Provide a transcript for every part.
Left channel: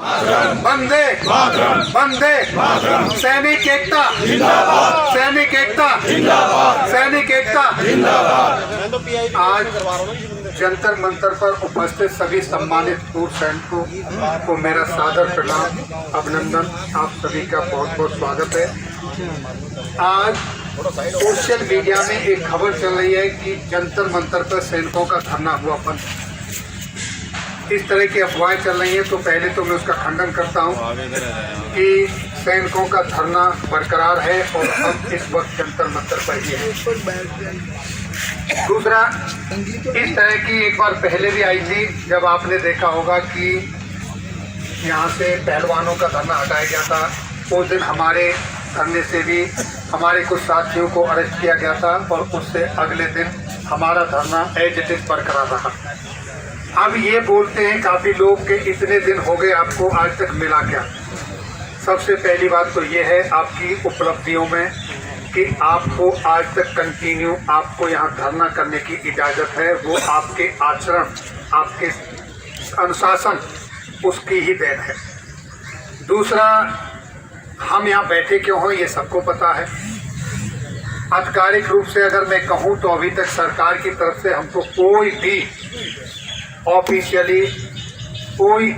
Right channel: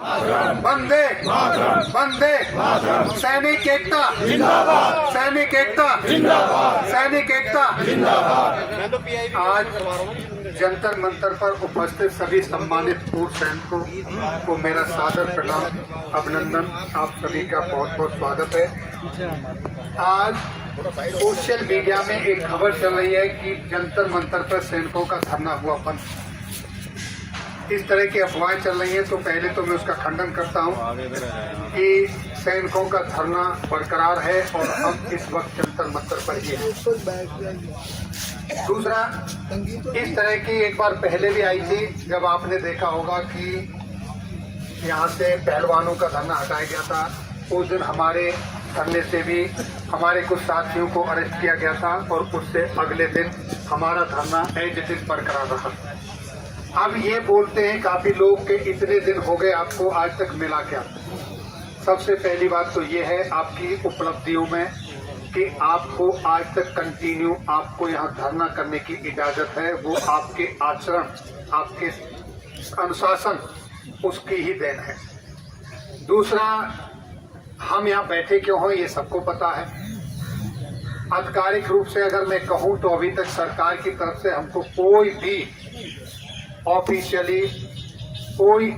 वंदे वंदे सैनिक एकता जिंदाबाद, सैनिक एकता जिंदाबाद, सैनिक एकता जिंदाबाद। आज जंतर मंतर पर उपस्थित सभी सम्मानित पूर्व सैनिकों को मेरा सादर प्रणाम, अभिनंदन। आप सभी का बहुत बहुत स्वागत है। आज सोशल मीडिया में एक खबर चल रही है कि जंतर मंतर पर सैनिकों का धरना हुआ बंद। इस तरह की अफवाहें चल रही हैं, तो पहले तो मैं उसका खंडन करता हूं कि सैनिकों का धरना बरकरार है और हम इस वक्त जंतर मंतर पर ही हैं। दूसरा, इस तरह की एक बार पहले भी आई थी, जब आपने देखा होगा कि यहाँ से पहलवानों का धरना हटाया गया था। उस दिन हमारे धरने से भी हमारे कुछ साथियों को अरेस्ट किया गया था और उससे अगले दिन हमारा धरना एज इट इज बरकरार रहा। अब ये बोलते हैं काफ़ी लोग कि इतने दिन हो गए, आपको आज तक मिला क्या? सबसे पहली बात तो ये है आपकी उपलब्धियों में कि आपको आज तक कंटिन्यू आपको यहाँ धरना करने की इजाज़त है। वो आपके आचरण, आपके अनुशासन, उसकी ही देन है। दूसरा, हम यहाँ बैठे क्यों हो ये सबको पता है। आधिकारिक रूप से अगर मैं कहूँ तो अभी तक सरकार की तरफ से हमको कोई भी ऑफिशियली कोई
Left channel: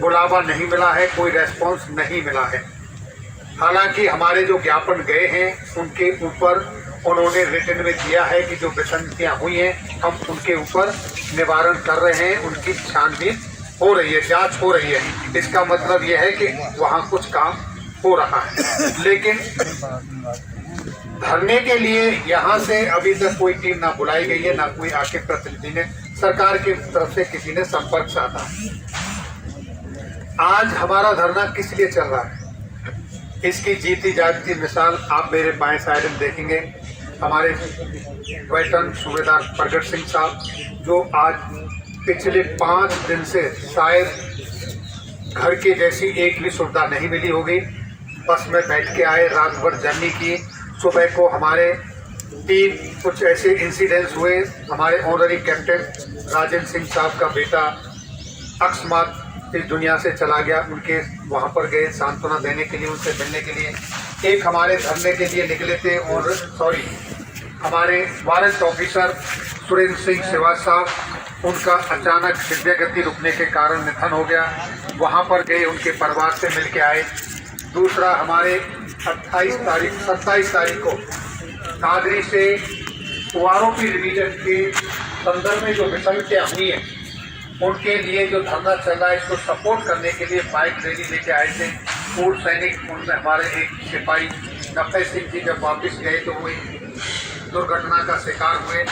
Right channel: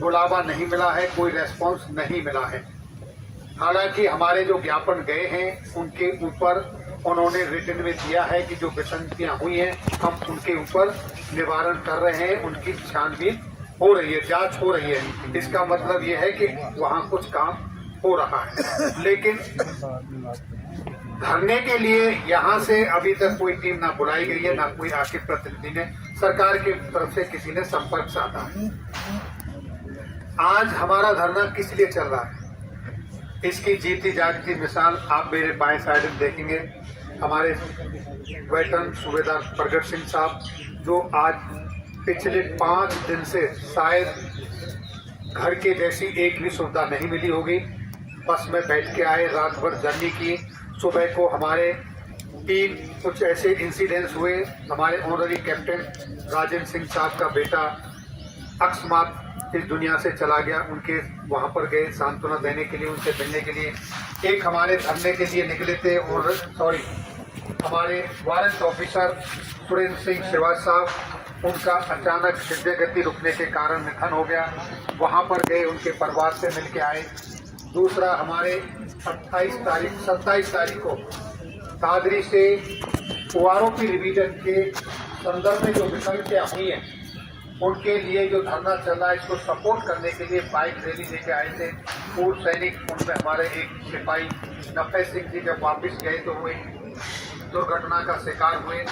बुलावा नहीं मिला है, कोई रेस्पॉन्स नहीं मिला है। हालांकि हमारे जो ज्ञापन गए हैं उनके ऊपर उन्होंने रिटन में दिया है कि जो विसंगतियाँ हुई हैं हम उनके ऊपर निवारण कर रहे हैं, उनकी छानबीन हो रही है, जांच हो रही है। इसका मतलब ये है कि वहाँ कुछ काम हो रहा है। लेकिन धरने के लिए यहाँ से अभी तक कोई टीम ना बुलाई गई है, ना कोई आके प्रतिनिधि ने सरकार की तरफ से किसी ने संपर्क साधा। आज हमारा धरना किस लिए चल रहा है, इसकी जीती जागती मिसाल आप मेरे बाएं साइड में देखेंगे। हमारे वेटरन सूबेदार प्रगट सिंह साहब, जो आज पिछले 5 दिन से शायद घर के जैसी एक भी सुविधा नहीं मिली होगी, बस में बैठ के आए, रात भर जर्नी की। सुबह को हमारे 3 कुछ ऐसे इंसिडेंट्स हुए। हमारे ऑनरी कैप्टन राजेंद्र सिंह साहब का बेटा अकस्मात इस दुनिया से चला गया, उनके वहाँ पर गए सांत्वना देने के लिए, उनसे मिलने के लिए। एक हमारे धरने के लिए निकले थे और हमारे वारंट ऑफिसर सुरेंद्र सिंह सेवा साहब, उनका अचानक हृदय गति रुकने के कारण निधन हो गया। वहाँ पर गए, उनके परिवार से मिल के आए। दूसरा, हमारे 27 तारीख को दादरी से आरोपी रिवीजन के संदर्भ में जो विसंगतियाँ हुई हैं उनके लिए जो धरना चल रहा है, इसको सपोर्ट करने के लिए बाइक रैली लेके आए थे पूर्व सैनिक। उनमें हमारे एक सिपाही नफे सिंह जी जब वापस गए तो वो दुर्घटना का शिकार हुए,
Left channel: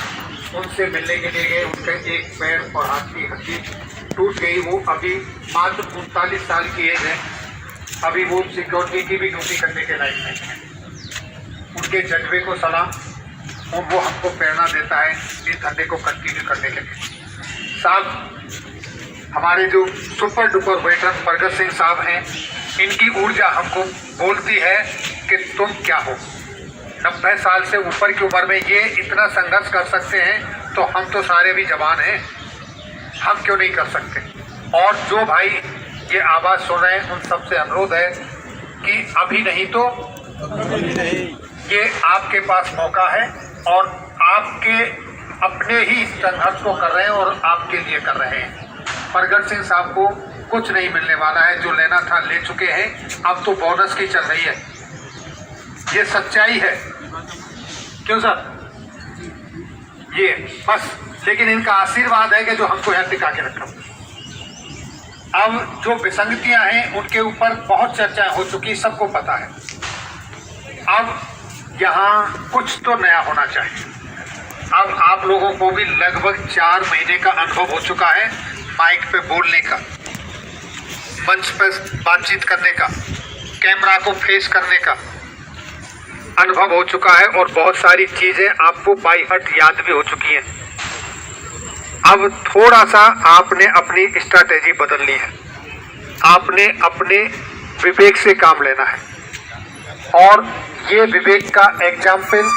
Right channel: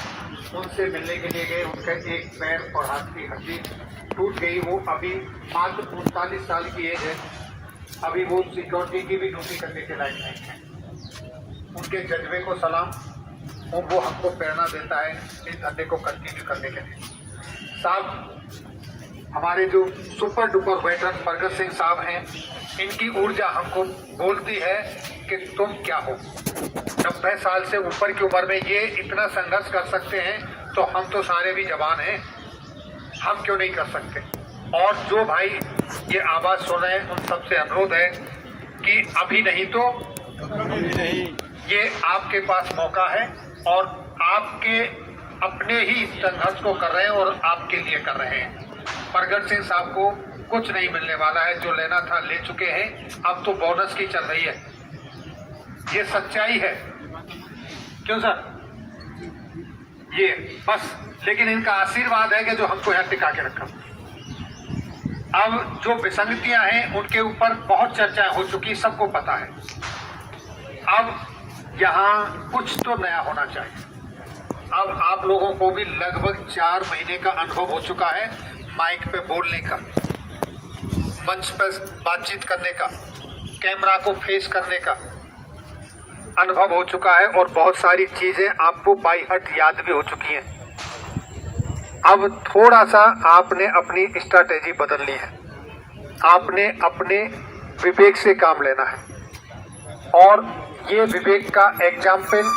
उनसे मिलने के लिए गए। उनका एक पैर और हाथ की हड्डी टूट गई। वो अभी मात्र 39 साल की एज है, अभी वो सिक्योरिटी की भी ड्यूटी करने के लायक नहीं है। उनके जज्बे को सलाम, और वो हमको प्रेरणा देता है इस धरने को कंटिन्यू करने के लिए। साहब, हमारे जो सुपर डुपर वेटरन प्रगट सिंह साहब हैं, इनकी ऊर्जा हमको बोलती है कि तुम क्या हो। 90 साल से ऊपर की उम्र में ये इतना संघर्ष कर सकते हैं, तो हम तो सारे भी जवान हैं, हम क्यों नहीं कर सकते। और जो भाई ये आवाज़ सुन रहे हैं, उन सबसे अनुरोध है कि अभी नहीं तो ये आपके पास मौका है और आपके अपने ही संघर्ष को कर रहे हैं और आपके लिए कर रहे हैं। प्रगट सिंह साहब को कुछ नहीं मिलने वाला है, जो लेना था ले चुके हैं। अब तो बोनस की चल रही है, ये सच्चाई है। क्यों सर, ये बस, लेकिन इनका आशीर्वाद है कि जो हमको यहाँ टिका के रखा। अब जो विसंगतियां हैं उनके ऊपर बहुत चर्चा हो चुकी, सबको पता है। अब यहाँ कुछ तो नया होना चाहिए। अब आप लोगों को भी लगभग 4 महीने का अनुभव हो चुका है माइक पे बोलने का, मंच पे बातचीत करने का, कैमरा को फेस करने का अनुभव हो चुका है और बहुत सारी चीजें आपको बाई हार्ट याद भी हो चुकी हैं। अब थोड़ा सा आपने अपनी स्ट्रैटेजी बदलनी है, आपने अपने विवेक से काम लेना है। और ये विवेक का एग्जाम्पल